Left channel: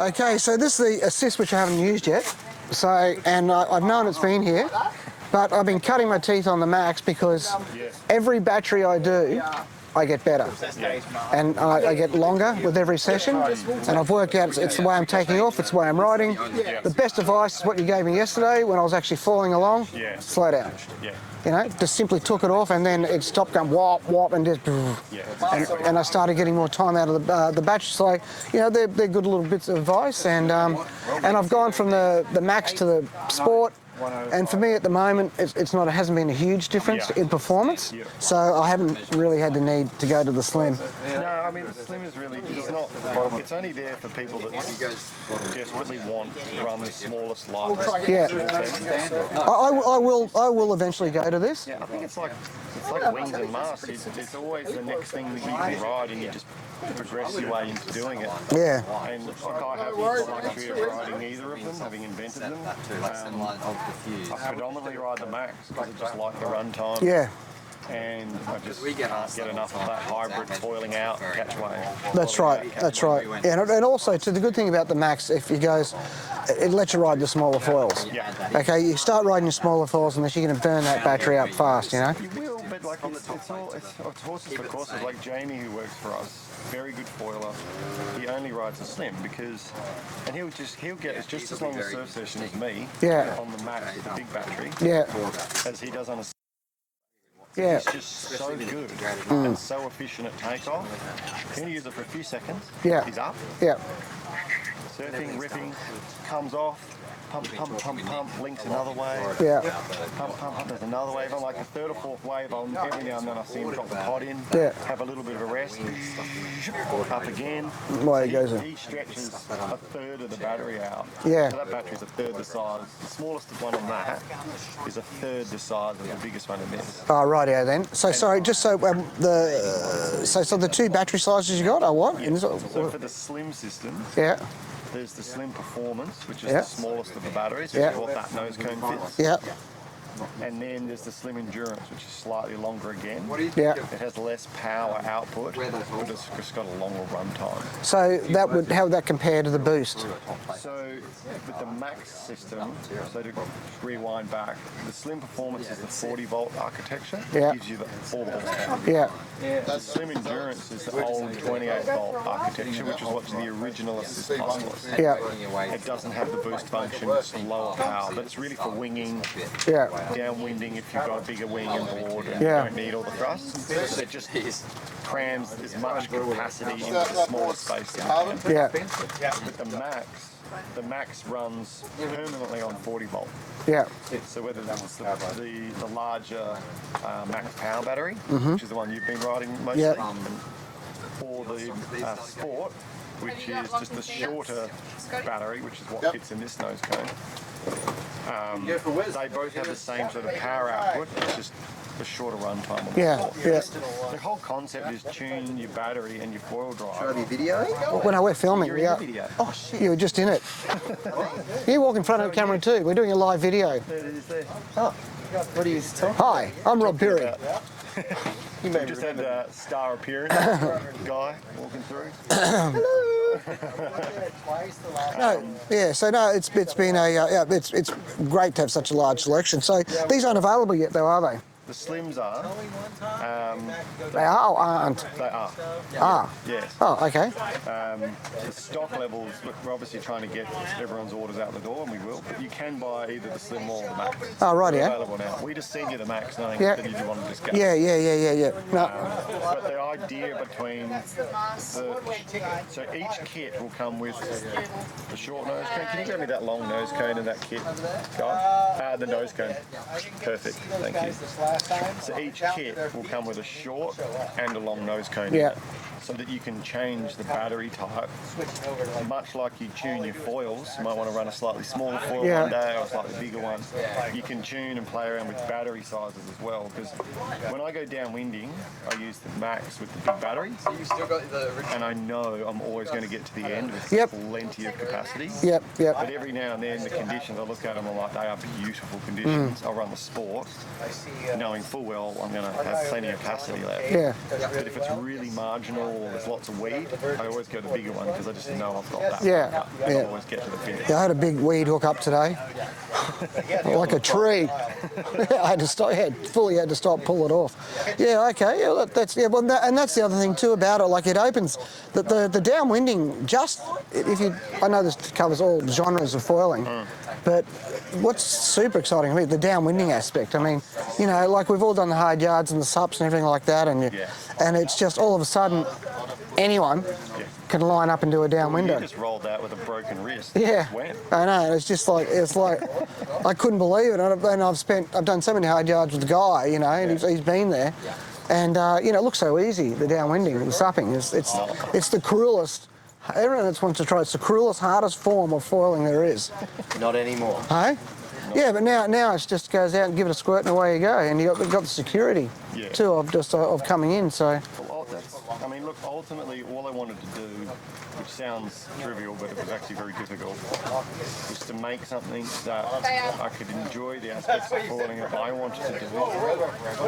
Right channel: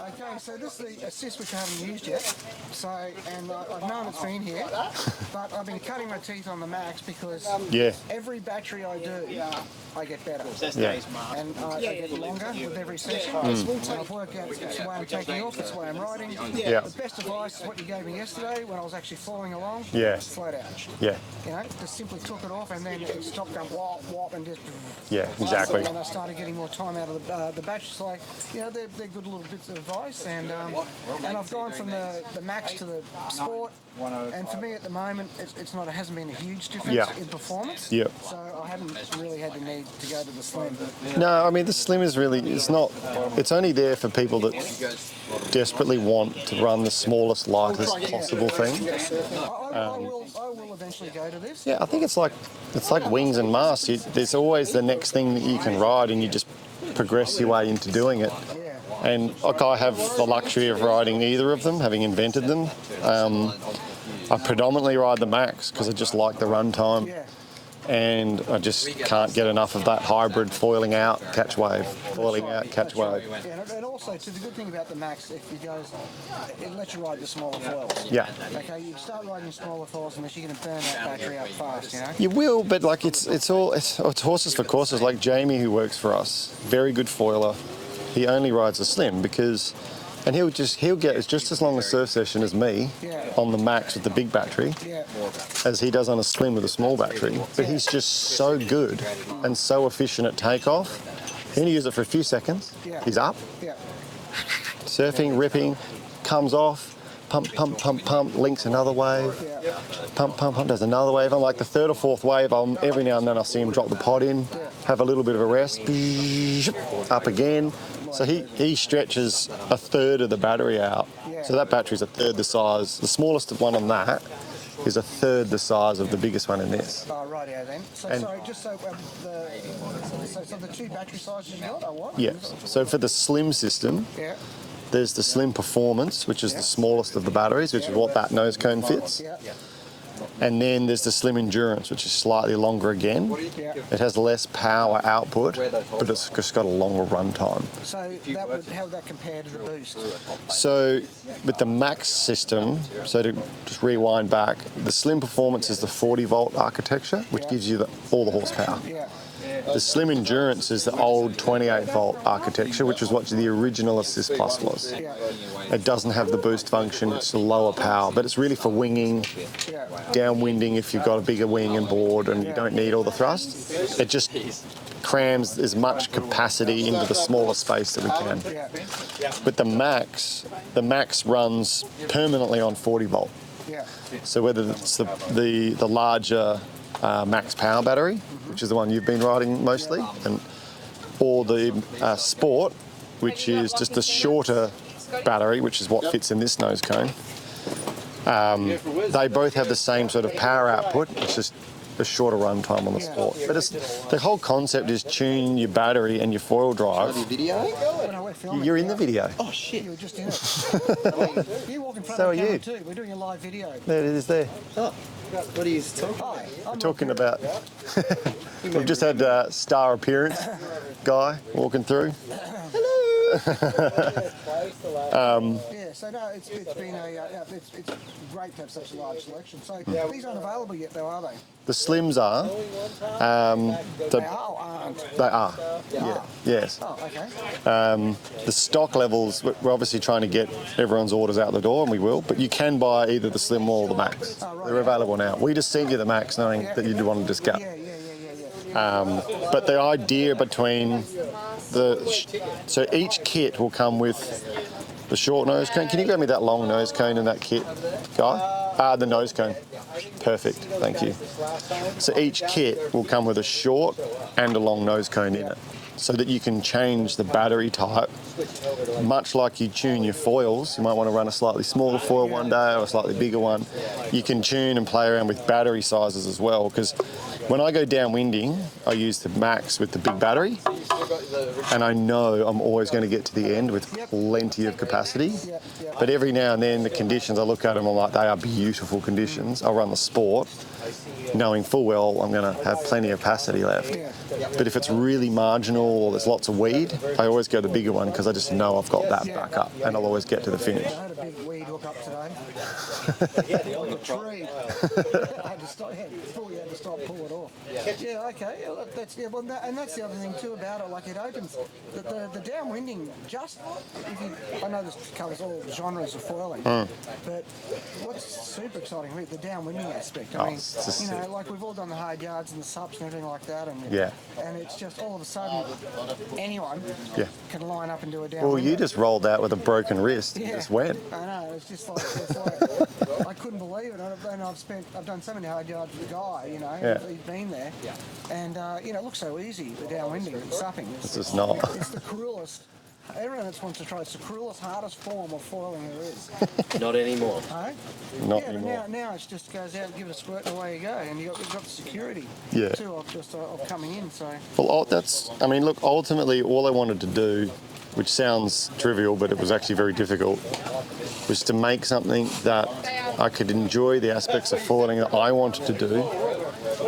Okay, so this is the assist which I haven't used yet. So, and I've known it's been here, but I've been cutting my teeth on the Max because every battery I do, I get better. And I get longer with every session. And I've worked out it's the way I'm taking off, it's the way I'm riding. The best advice is what you gave me yesterday when I was actually falling along. Slow down. You know, just simply took it off and then it stopped going whop, whop, and just... exactly. And I started getting more time out of the battery. So, you know, they're good little bits of advice. And I've gone from the Max to the Sport. And for me at the moment, it hasn't been a huge difference in performance. So I haven't really had the need to go to the Slim. No, I mean the Slim is really, it's only there for people that desperately want to run the smallest, lightest possible thing. I will eventually go to this. Yeah, I think it's like wings and masks. There's always the next thing that you can ride, and you just progress your way into doing it. And like I have the luxury of riding neither of them, having invented them. I predominantly ride the Max because I just like the run time. And I just can't get enough of that hybrid foiling out, catch wave. That's right. Yeah, and also, the good thing about the Max, if it goes, it lets you ride the smaller foils. Okay, you start riding the smaller foils unless you're going to burn that battery up fast, you know. You will, but like it's horses for courses. Like Jamie, who works for us, very good foiler. He only rides a Slim because. And he'll get just as long a surf session as me on the Max with the big battery as he does on a Slim with a small battery. But he's just so good and so efficient at takeoff. He only uses it for a few seconds. He's up. Surfing, ripping, comes off. Pump, pump, pump, pump, links another wave. Pump, pump, pump, does another wave. On like the third or fourth wave, every now and then I'll see him drop the pod in, have a little bit of a rest, up again. So he stretches a third of the battery out. So that battery's a third the size. The smallest one on that is a third the size of the biggest one in this. Oh, right, then. So, sorry, just so the two battery sizes you got are what? So for the Slim system, there's the Slim Performance, which is the smallest of the batteries, which is what that nose cone fits. And then there's the Slim Endurance, which is slightly longer again. It has less power output, but it's just got a longer run time. So how would that compare to the Boost? So with the Max system, so to just rewind back, the Slim Performance is the 40-volt architecture, which gives you all the horsepower. The Slim Endurance is the old 28-volt architecture, which is what the original Assist Plus was. It doesn't have the boost function, it's lower power, but it's really for winging, downwinding if you've got a bigger wing and board and you don't need all the thrust. It just crams as much capacity into the smaller space that we can. But the Max runs permanently on 40-volt. So whether it's the larger Max Power battery, which is the one you've been riding mostly, or the Sport, which is just the shorter battery, which is what fits in this nose cone. They both have the same sort of power output. It's just a shorter run time on the Sport. But the whole concept is tune your battery and your foil drive. Are you videoing? Well, no, we're filming. You're in the video. Oh, shit. You were just in it. You walk in front of the camera too. We're doing a live video. There it is there. Oh. What are you talking about? Hi, I'm Rob Pirios. We've just had star appearance guy walking through. Hello. So no, it's been it's great to have such a large selection. So these aren't available yet, though, are they? The Slims are. They are or aren't? They are. Yes. Oh, okay. The stock levels, we're obviously trying to get everyone's orders out the door, and we will, but you can buy either the Slim or the Max. Oh, right, They're available now. We just sent you the Max knowing that you did want to discuss. Yeah. But the idea between so each kit will come with the short nose cone. Can you grab me that long nose cone in that kit, guy? The nose cone. Perfect, thank you. So each kit will come with a short and a long nose cone in it, so that you can change the battery type. Much like you tune your foils, you might want to run a slightly smaller foil one day or a slightly bigger one. You can tune and play around with battery sizes as well, because when I go downwinding, I use the Max with the big battery, and I know I'm always going to get to the end with plenty of capacity. But every now and then, the conditions, I look at them, I'm like, they are beautiful conditions. I'll run the Sport, knowing full well I'm going to have plenty of capacity left. Yeah. But if it's really marginal or there's lots of weed, I always go the bigger one because I just know I've got that back up and I'll always get to the finish. Yeah, I had a big weed hook up today, like a tree. I had to stop. Fully had to stop, pull it off. Yeah, okay. Yeah, that's Well, and that's the other thing too about it. Like it opens the downwinding. I know this covers all genres of foiling, but what's super exciting to me, the downwinding aspect. I mean, like we've all done the hard yards and the sups and everything like that, and it's just all of a sudden anyone can line up and do a downwinder. Well, you just rolled out with a broken wrist. Yeah, just went. I know. It's like I couldn't believe it. And I've done so many hard yards with the guy, and he's been there, and it looks so easy. The downwinding, the supping, it's not. It's the cruelest. Everyone that wants to try, it's the cruelest, hardest form of foiling there is. Not anymore. Hey? But now it just goes out and give it a squirt and away you go, and you've got the security too of coming in. So well, look, ultimately all I wanted to do, which sounds trivial, but it was actually very difficult, was to make something that I could enjoy the aspects of foiling that I wanted to do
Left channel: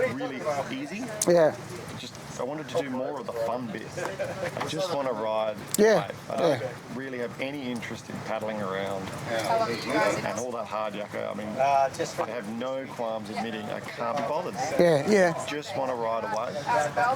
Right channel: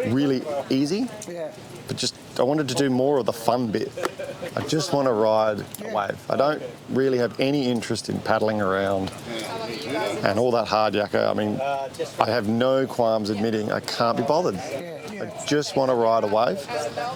really easy. Yeah. But I wanted to do more of the fun bit. I just want to ride a wave. I don't really have any interest in paddling around and all that hard yakka. I mean, I have no qualms admitting I can't be bothered. Yeah. I just want to ride a wave.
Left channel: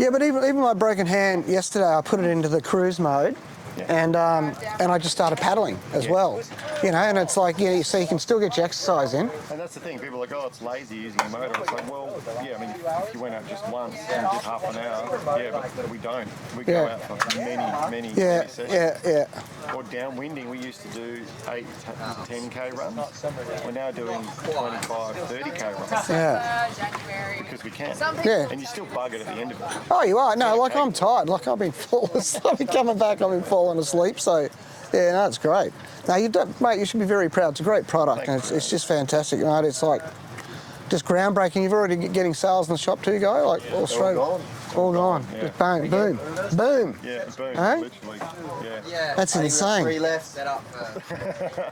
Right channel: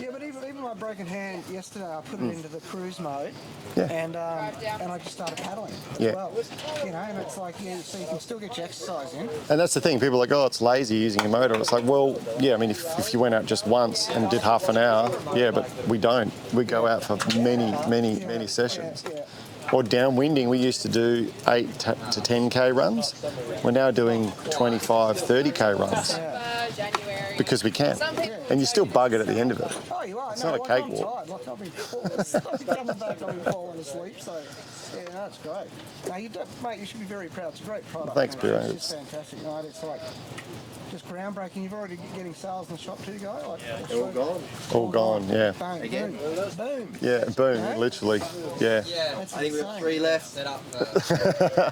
Yeah, but even my broken hand yesterday, I put it into the cruise mode. And I just started paddling as well, and it's like, so you can still get your exercise in. And that's the thing, people are like, oh, it's lazy using a motor. It's like, well, I mean, if you went out just once and did half an hour, but we don't. We go out for many sessions. Yeah. Or downwinding, we used to do 8 to 10K runs. We're now doing 25, 30K runs. Yeah. Because we can. Yeah. And you still bug it at the end of it. Oh, you are. No, like I'm tired. Like I've been coming back, I've been falling asleep. So, it's great. No, mate, you should be very proud. It's a great product. Thanks, it's just fantastic, mate. It's like just groundbreaking. You've already getting sales in the shop too, Guy? Like all straight. All gone, yeah. Bang, boom. Boom. Yeah, boom, literally. Yeah. That's insane. 3 left.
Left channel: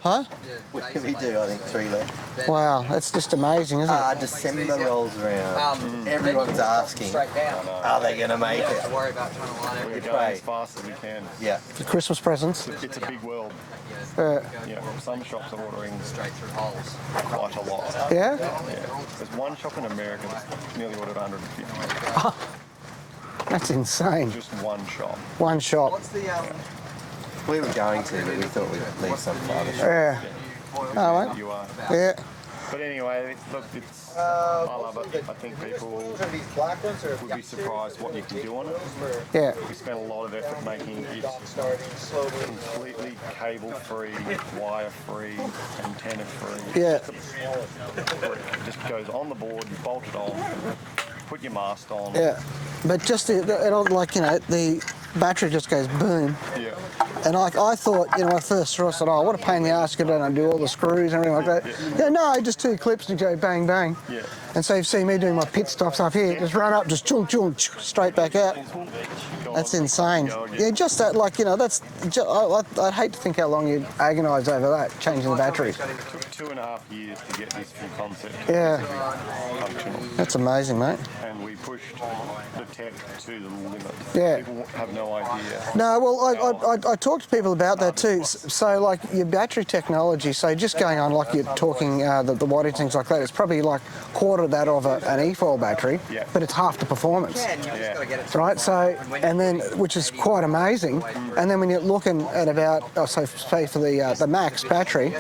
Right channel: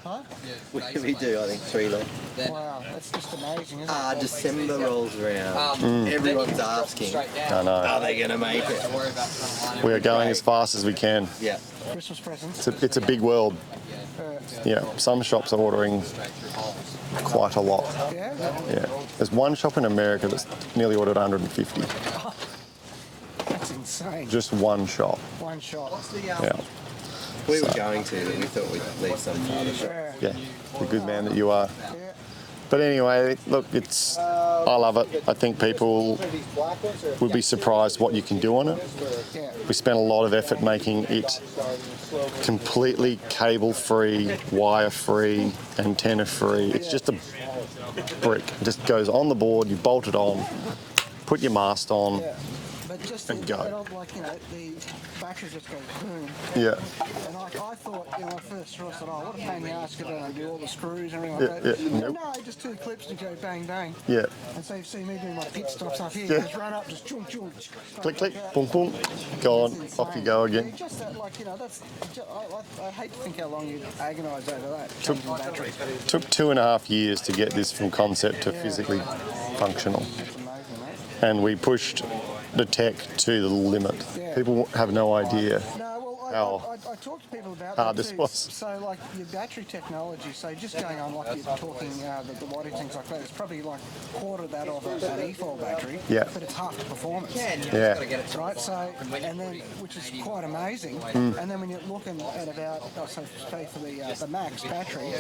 Huh? We do, I think, 3 left. Wow, that's just amazing, isn't it? December rolls around. Everyone's asking, I know. are they going to make it? We are going as fast as we can. Yeah. The Christmas presents. It's a big world. Some shops are ordering quite a lot. Yeah? Yeah. There's one shop in America that's nearly ordered 150. That's insane. Just one shop. One shop. Yeah. We were going to, we thought we'd make some fun. Yeah. Yeah. The good man that you are. Yeah. But anyway, look, I love it. I think people would be surprised what you can do on it. Yeah. We spent a lot of effort making it completely cable-free, wire-free, antenna-free. It's just a brick. It just goes on the board, you bolt it on, put your mast on. Yeah. But just the battery just goes boom. Yeah. And I thought, I first saw it, I said, what a pain in the ass to get and do all the screws and everything like that. No, just 2 clips to go bang, bang. Yeah. And so you see me doing my pit stops up here, just run up, just chung, chung, straight back out. Boom, boom. Go That's on, insane. Go again. Yeah, just that, I'd hate to think how long you'd agonise over that, changing the battery. It took 2.5 years to get this from concept to physically functional. That's amazing, mate. And we pushed the tech to the limit. Yeah. People have no idea. No, well, I talk to people about that too. Was. So, like, your battery technology, so just going on, like you're talking the wattage, things like that, it's probably like quarter that of an e-foil battery, but it's half the performance. Yeah. Right, so, and then, which is quite amazing. And then when you're looking at about, say for the max battery,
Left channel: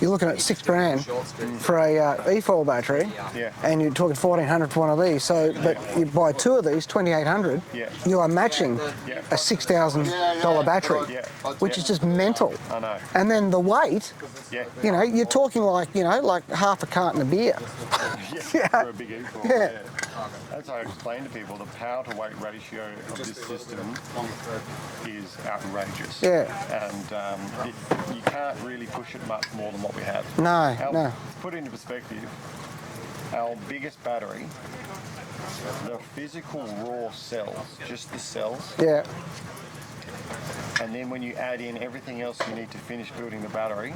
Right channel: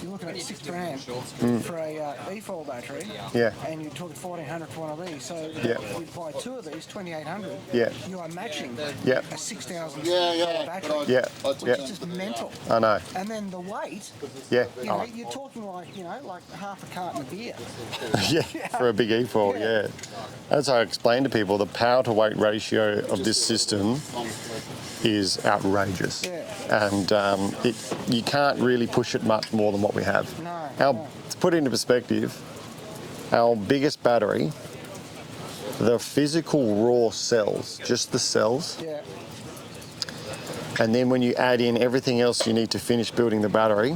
you're looking at $6,000 for a e-foil battery. Yeah. And you're talking $1,400 for one of these. So, but you buy 2 of these, $2,800. Yeah. You are matching a $6,000 battery. Yeah. Which is just mental. I know. And then the weight. Yeah. You're talking like half a carton of beer. Yeah. For a big e-foil. Yeah. As I explain to people, the power to weight ratio of this system is outrageous. Yeah. And you can't really push it much more than what we have. No. To put it into perspective, our biggest battery, the physical raw cells, just the cells. Yeah. And then when you add in everything else you need to finish building the battery,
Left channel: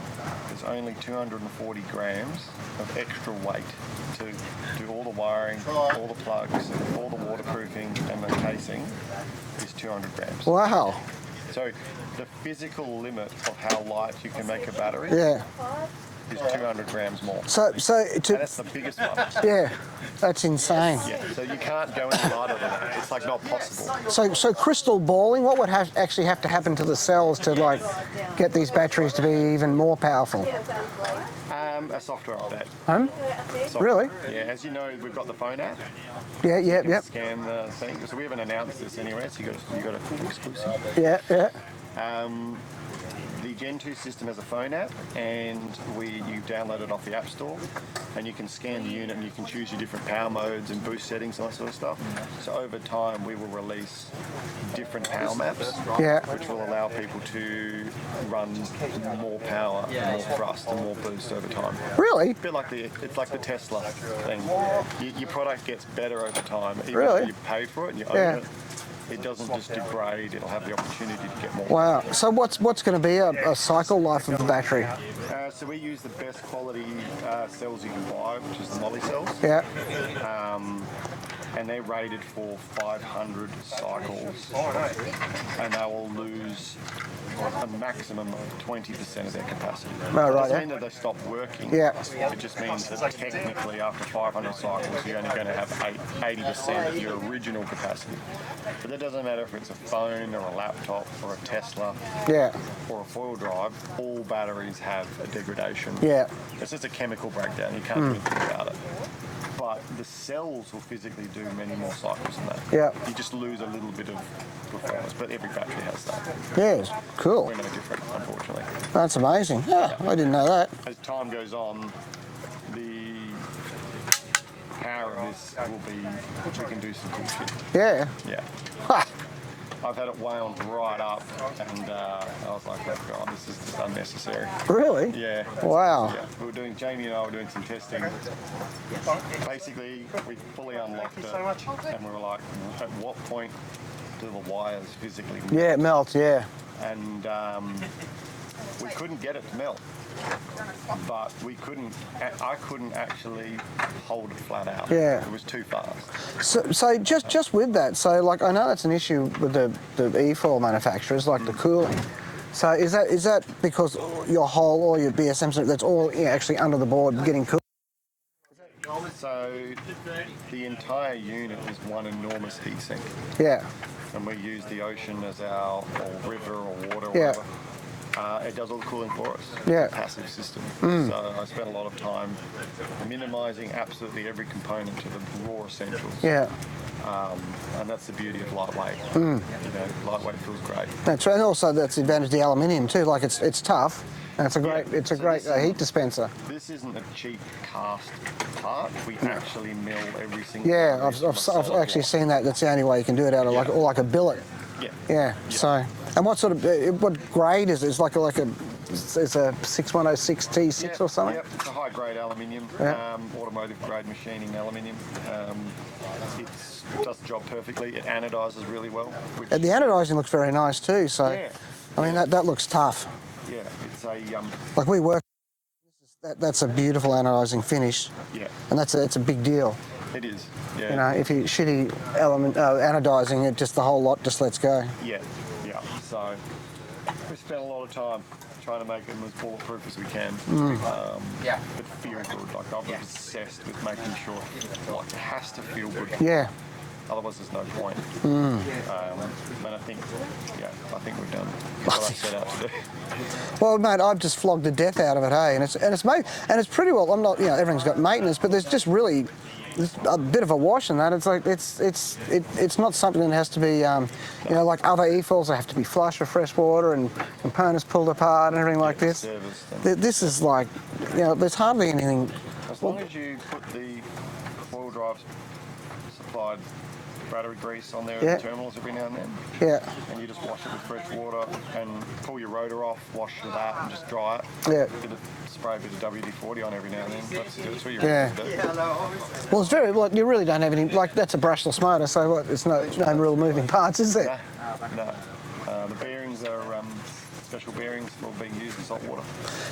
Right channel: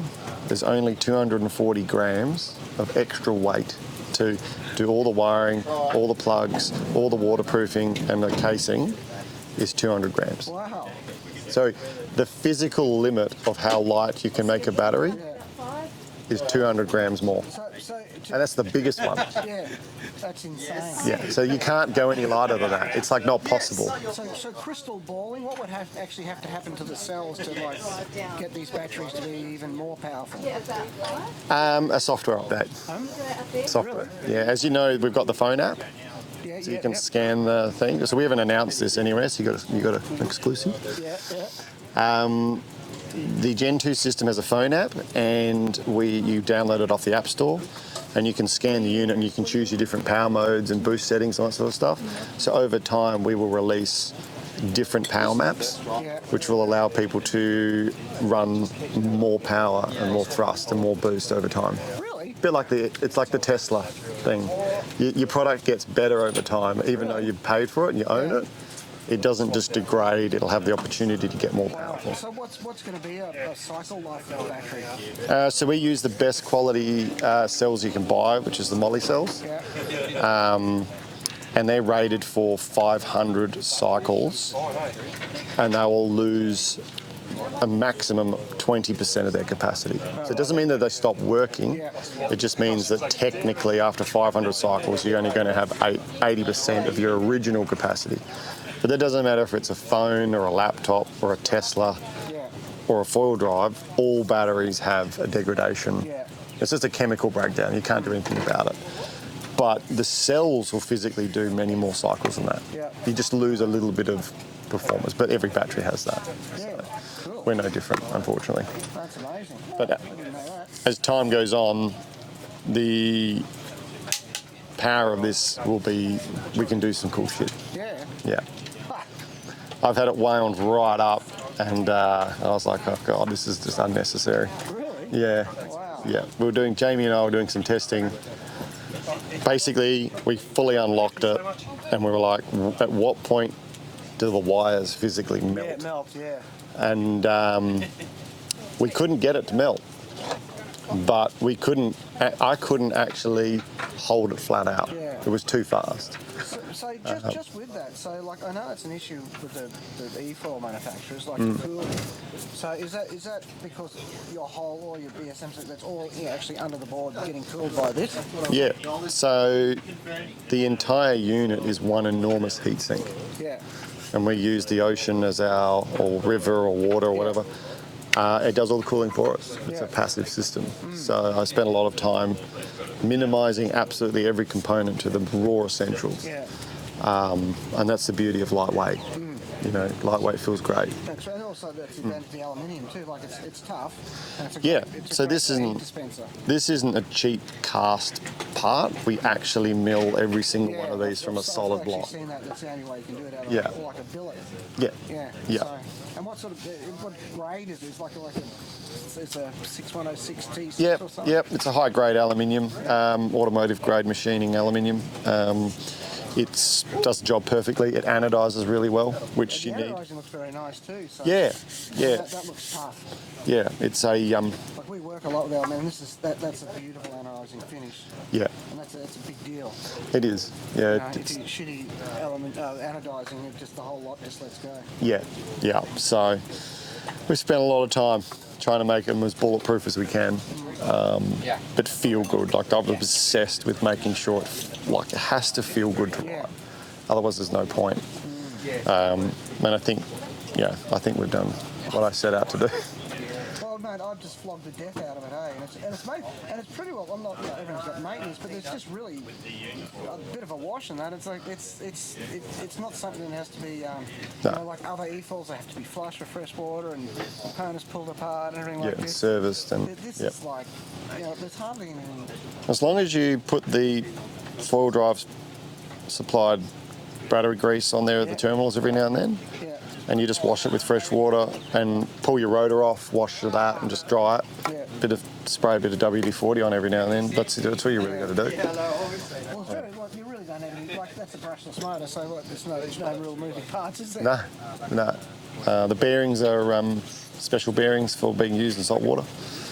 there's only 240 grams of extra weight to do all the wiring, all the plugs, all the waterproofing and the casing is 200 grams. Wow. So the physical limit of how light you can make a battery is 200 grams more. And that's the biggest one. Yeah, that's insane. Yeah, so you can't go any lighter than that. It's like not possible. So crystal balling, what would actually have to happen to the cells to like get these batteries to be even more powerful? A software update. Software. Really? Yeah, as you know, we've got the phone app. Yeah, so you can scan the thing. So we haven't announced this anywhere, so you got an exclusive. Yeah. The Gen 2 system has a phone app, and you download it off the App Store, and you can scan the unit and you can choose your different power modes and boost settings and that sort of stuff. So over time, we will release different power maps, which will allow people to run more power and more thrust and more boost over time. Really? A bit like it's like the Tesla thing. Your product gets better over time, even though you've paid for it and you own it. It doesn't just degrade, it'll have the opportunity to get more. Wow. So what's going to be a cycle life of the battery? So we use the best quality cells you can buy, which is the moly cells. Yeah. And they're rated for 500 cycles, and they will lose a maximum of 20% of their capacity. So it doesn't mean that they stop working. It just means that technically after 500 cycles, you're only going to have 80% of your original capacity. But that doesn't matter if it's a phone or a laptop or a Tesla or a foil drive. All batteries have a degradation. It's just a chemical breakdown. You can't do anything about it. But the cells will physically do many more cycles than that. You just lose a little bit of performance, but every battery has that. Yeah, cool. We're no different, unfortunately. That's amazing. I didn't know that. As time goes on, the power of this will be, we can do some cool shit. Yeah. I've had it wound right up, and I was like, oh God, this is just unnecessary. Really? Yeah. Wow. Yeah. Jamie and I were doing some testing. Basically, we fully unlocked it, and we were like, at what point do the wires physically melt? Yeah, it melts, And we couldn't get it to melt. But I couldn't actually hold it flat out. It was too fast. So just with that, so like I know that's an issue with the e-foil manufacturers, like the cooling. So is that because your whole or your BSM, that's all actually under the board getting cooled by this? Yeah. So the entire unit is one enormous heat sink. And we use the ocean as or river or water or whatever. It does all the cooling for us. It's a passive system. So I spent a lot of time minimising absolutely every component to the raw essentials. And that's the beauty of lightweight. You know, lightweight feels great. That's right. And also that's the advantage of the aluminium too. Like it's tough, and it's a great heat dispenser. This isn't a cheap cast part. We actually mill every single one of these from a solid block. I've actually seen that. That's the only way you can do it out of like a billet. So, and what sort of what grade is it? It's like a it's a 6106 T6 or something? Yep, it's a high grade aluminium, automotive grade machining aluminium. It does the job perfectly. It anodises really well. And the anodising looks very nice too. So I mean, that looks tough. Yeah, it's a like we work a lot with aluminium. That's a beautiful anodising finish. Yeah, and that's a big deal. It is. Yeah. You know, if you shitty anodising, the whole lot just lets go. Yeah. So we spent a lot of time trying to make them as bulletproof as we can, but feel good. Like I'm obsessed with making sure, like it has to feel good. Otherwise, there's no point. And I think we've done what I set out to do. Well, mate, I've just flogged the death out of it, hey, and it's pretty well. I'm not, everything's got maintenance, but there's just really a bit of a wash in that. It's like it's not something that has to be, like other e-foils. They have to be flush with fresh water and components pulled apart and everything like this. Serviced. And, this is like, there's hardly anything. As long as you put the foil drives supplied battery grease on there at the terminals every now and then. And you just wash it with fresh water and pull your rotor off, wash it out and just dry it. Spray a bit of WD-40 on every now and then. That's what you really do. Well, it's very, you really don't have any, that's a brushless motor, so it's no real moving parts, is there? No. The bearings are special bearings for being used in salt water.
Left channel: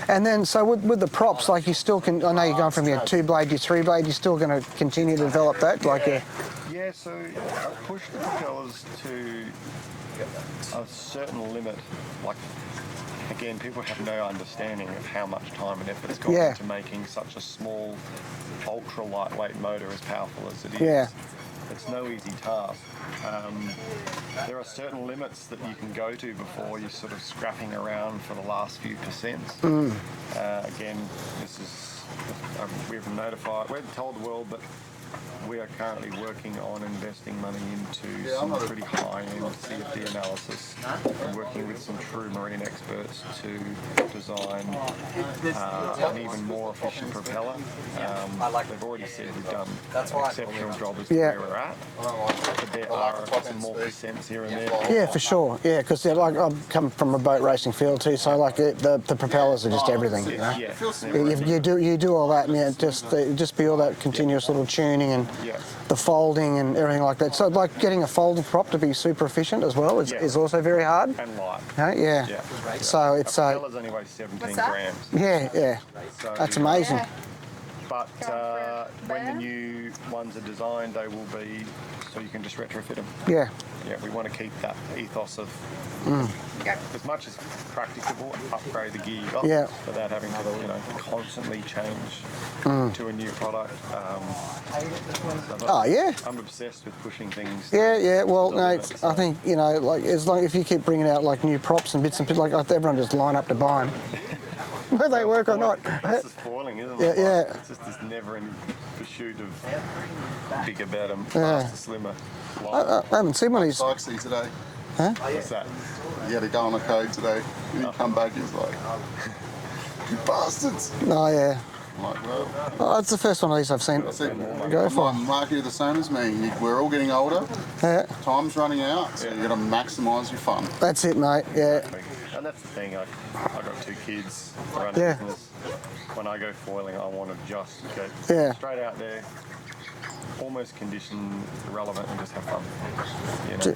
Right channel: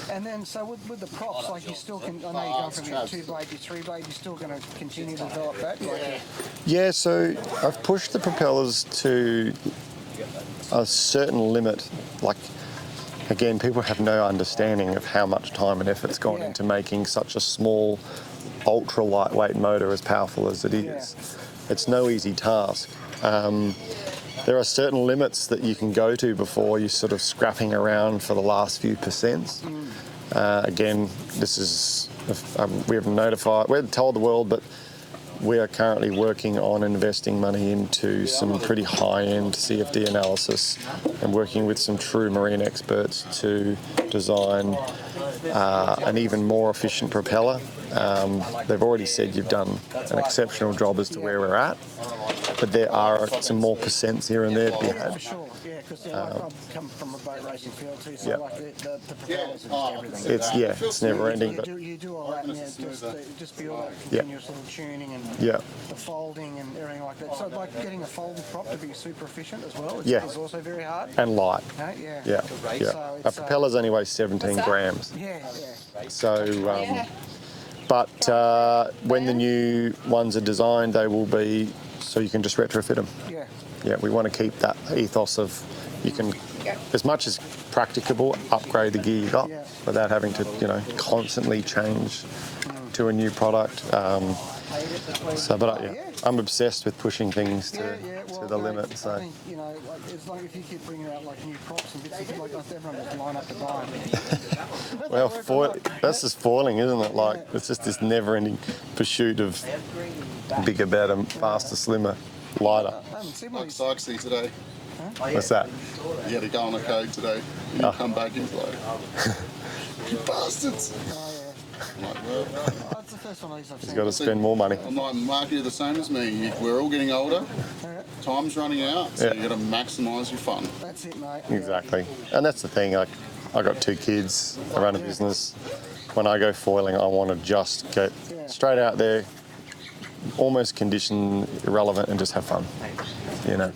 And then, so with the props, like you still can, I know you're going from your 2-blade to 3-blade, you're still going to continue to develop that? Like Yeah, so I've pushed the propellers to a certain limit. Like, again, people have no understanding of how much time and effort's gone into making such a small, ultra lightweight motor as powerful as it is. Yeah. It's no easy task. There are certain limits that you can go to before you're sort of scrapping around for the last few percents. Again, this is, we're told the world, but we are currently working on investing money into some pretty high-end CFD analysis and working with some true marine experts to design an even more efficient propeller. They've already said you've done an exceptional job as to where we're at, but there are some more percents here and there. Yeah, for sure. Yeah, because like I've come from a boat racing field too, so like the propellers are just everything. It's never ending. You do all that, and just be all that continuous little tuning and the folding and everything like that. So like getting a folded prop to be super efficient as well is also very hard. And light. Yeah. So it's a propellers only weigh 17 grams. Yeah. So that's amazing. But when the new ones are designed, they will be so you can just retrofit them. Yeah. Yeah, we want to keep that ethos of you can, as much as practicable, upgrade the gear you got without having to, constantly change to a new product. I'm obsessed with pushing things. Well, to the mate, limit, so. I think like as long if you keep bringing out like new props and bits and bits, like everyone just line up to buy them. Whether they work or not. That's just foiling, isn't it? Like, it's just this never-ending pursuit of bigger, better, faster, slimmer, lighter. I haven't seen one of these. Sykesy today. Huh? What's that? You had to go on a code today. You come back and it's like, you bastards. Oh, yeah. I'm like, well, That's the first one of these I've seen. You've got to spend more money. come on, Mark, you're the same as me. We're all getting older. Yeah. Time's running out, so you've got to maximise your fun. That's it, mate. Exactly. And that's the thing. Like, I got 2 kids. I run a business. When I go foiling, I want to just get straight out there, almost condition irrelevant, and just have fun.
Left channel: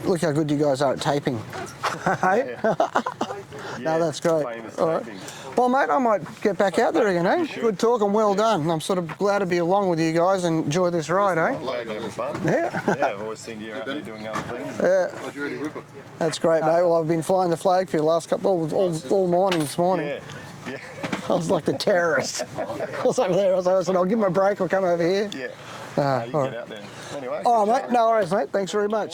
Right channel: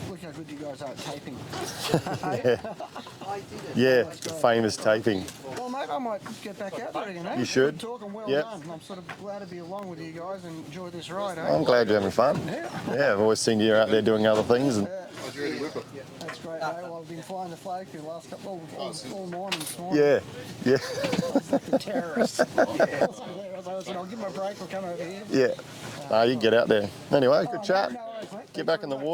Look how good you guys are at taping. That's great. Famous taping. Well, mate, I might get back out there again, eh? You should. Good talk and well done. I'm sort of glad to be along with you guys and enjoy this ride, eh? I'm glad you're having fun. Yeah. I've always seen you out there doing other things. That's great, mate. Well, I've been flying the flag for you the last couple, all morning this morning. Yeah. I was like the terrorist. I was over there. I said, I'll give him a break. I'll come over here. Yeah. You can get out there. Anyway, good chat. Mate, no worries, mate. Thanks very much.